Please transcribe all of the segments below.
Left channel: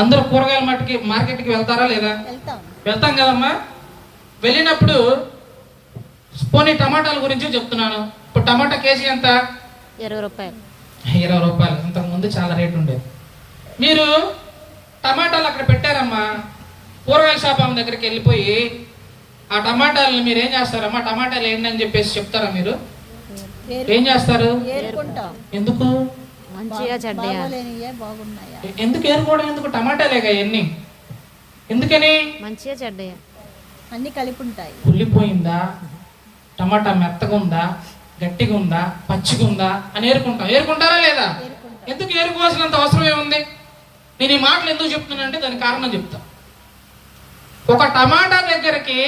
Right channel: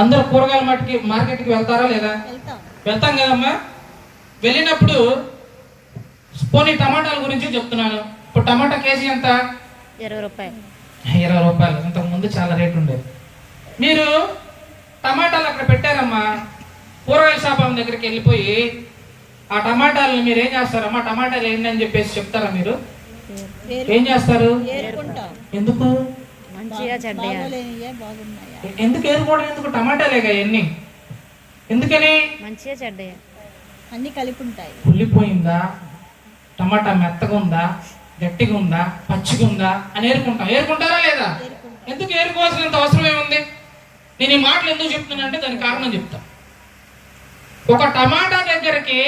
అందరూ కూరగాయల మార్కెట్కి వెళ్తారా లేదా? వెళ్తాం కదమ్మా. వెళ్ళినప్పుడు పోనీ టమాటాల గురించి చెప్తున్నాను. ఇప్పుడు టమాటా కేజీ ఎంత? 20 రూపాయలు. 20 రూపాయలు. అంతకు ముందు చాలా రేటు ఉండేది. మీరు టమాటాలు అక్కడ పెట్టారమ్మా, కూరగాయల షాప్ ఆమె దగ్గరికి వెళ్ళిపోయి ఆ టమాటాలని మీరు ఏం చేస్తారమ్మా, టమాటాలు ఏంటని చెప్పేసి చెప్తారా? మీరు ఏం చేస్తారు? ఎందుకు? మంచిగా చెడ్డయా? ఎందుకు ఏరుకోవడం? ఎందుకు? టమాటాలేగా ఎన్ని, ఎందుకని? మంచిగా చెడ్డయా అన్ని కలిపి ఉంటాయి. కుళ్ళిపోయిందా, టమాటా మెత్తగా ఉందా, గట్టిగా ఉందా, పచ్చిగా ఉందా అని ఏరుకుంటారా లేదా? ఎందుకు ఏరుకోవాల్సినంత అవసరం ఏముంది? నేను ఈ మాటలు ఎందుకు చెప్తున్నానంటే దానికి కారణం చెప్తా. ఒక టమాటా దగ్గరికి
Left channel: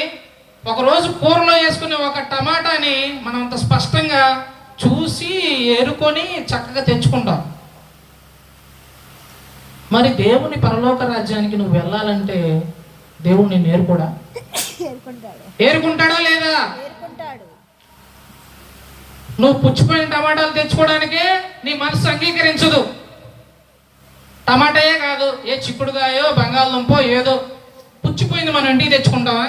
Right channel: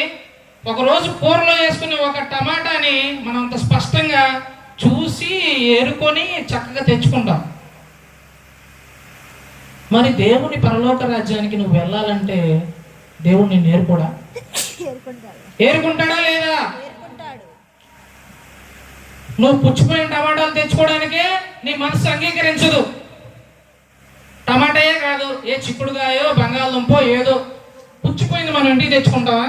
ఒక రోజు కూరలో వేసుకునే ఒక టమాటాని మనం అంత స్పష్టంగా చూసి ఏరుకొని చక్కగా తెచ్చుకుంటాం. మరి దేవుని పరలోక రాజ్యానికి నువ్వు వెళ్ళాలంటే దేవుడు నిన్ను ఏరుకుంటాడా లేదా? నువ్వు పుచ్చిపోయిన టమాటాలు తెచ్చుకోవడానికి నీ మనసు అంగీకరించదు. టమాటాయే కాదు, ఏ చిక్కుడుగాయో బంగాళదుంపో ఏదో పుచ్చిపోయింది మనం ఇంటికి తెచ్చుకుంటామా?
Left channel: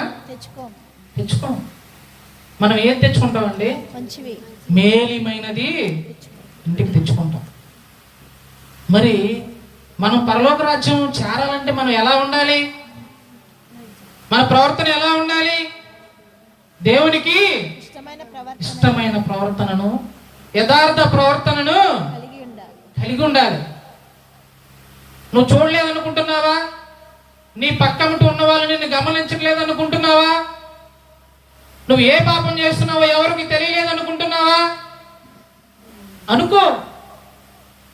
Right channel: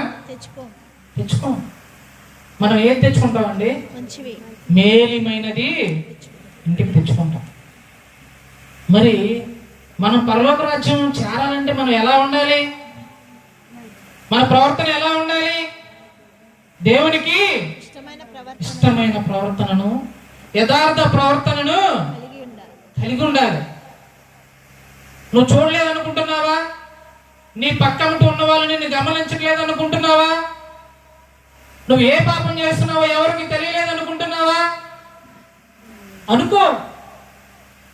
తెచ్చుకో. మనం ఏం తెచ్చుకుంటామండి? మేలిమైనది ఇంటికి తెచ్చుకుంటాం. మరి మనం పరలోక రాజ్యం చేరాలంటే మనం ఎలా ఉండాలి? మన ప్రవర్తన ఎలా ఉండాలి? దేవునికి ఇష్టమైన ప్రవర్తనను, యథార్థ ప్రవర్తనను కలిగి ఉండాలి. నువ్వు చూడలేదనుకుంటున్నావా? నీ పక్కన ఉన్న వాళ్ళు నిన్ను గమనించలేదనుకుంటున్నావా? నువ్వు ఏ పాపం చేస్తున్నావో ఎవరికి తెలియలేదనుకుంటున్నావా? అనుకో.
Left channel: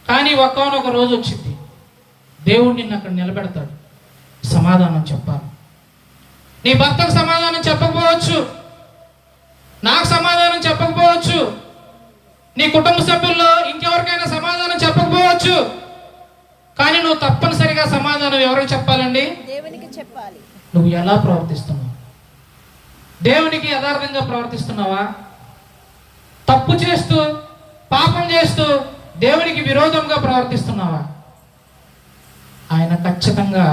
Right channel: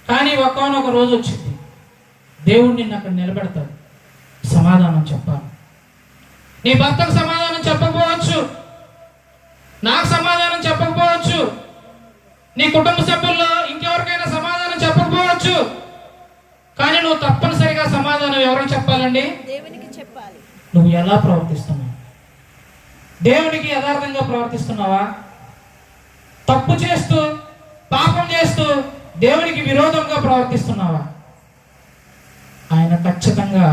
కానీ ఒక్కనొక రోజు వచ్చింది, దేవుడు నిన్ను అక్కడ నిలబెడతాడు. సమాధానం చెప్పాలి. నీ భర్తకు సమాధానం చెప్పకపోవచ్చు, నాకు సమాధానం చెప్పకపోవచ్చు, నీ కుటుంబ సభ్యుల్లో ఇంకెవరికైనా సమాధానం చెప్పకపోవచ్చు. కానీ నువ్వు తప్పనిసరిగా సమాధానం ఎవరికి చెప్పాలండి? దేవునికి చెప్పాలి. నువ్వు ఎలా ప్రవర్తిస్తున్నావు? దేవునికి యథార్థంగా ప్రవర్తిస్తున్నావా? తప్పు చేస్తూ, పాపం చేస్తూ దేవునికి విరోధంగా ప్రవర్తిస్తున్నావా? ఆయన ఖచ్చితంగా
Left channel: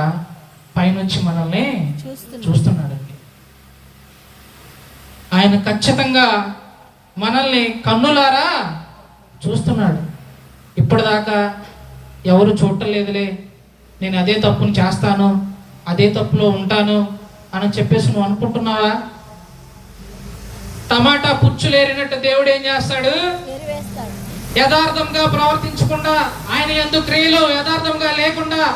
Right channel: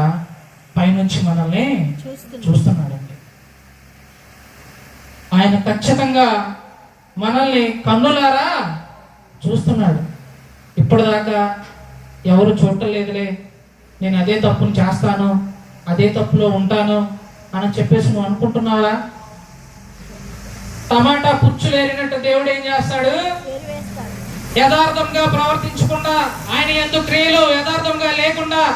పైనుంచి మనల్ని చూస్తున్నాడండి. ఆయన ఖచ్చితంగా మనల్ని కన్నులారా చూస్తున్నాడు. ఇప్పటిదాకా ఎవరు చూడలేదులే, నేను అదే తప్పును చేస్తాను, అదే తప్పులో ఉంటాను అని చెప్పేసి నువ్వు అనుకుంటున్నావా? టమాటా పుచ్చులేరినట్టు దేవుడు ఏం చేస్తాడు? యథార్థంగా ప్రవర్తించకుండా, ఆయన యందు క్రియలు యథార్థంగా లేకుండా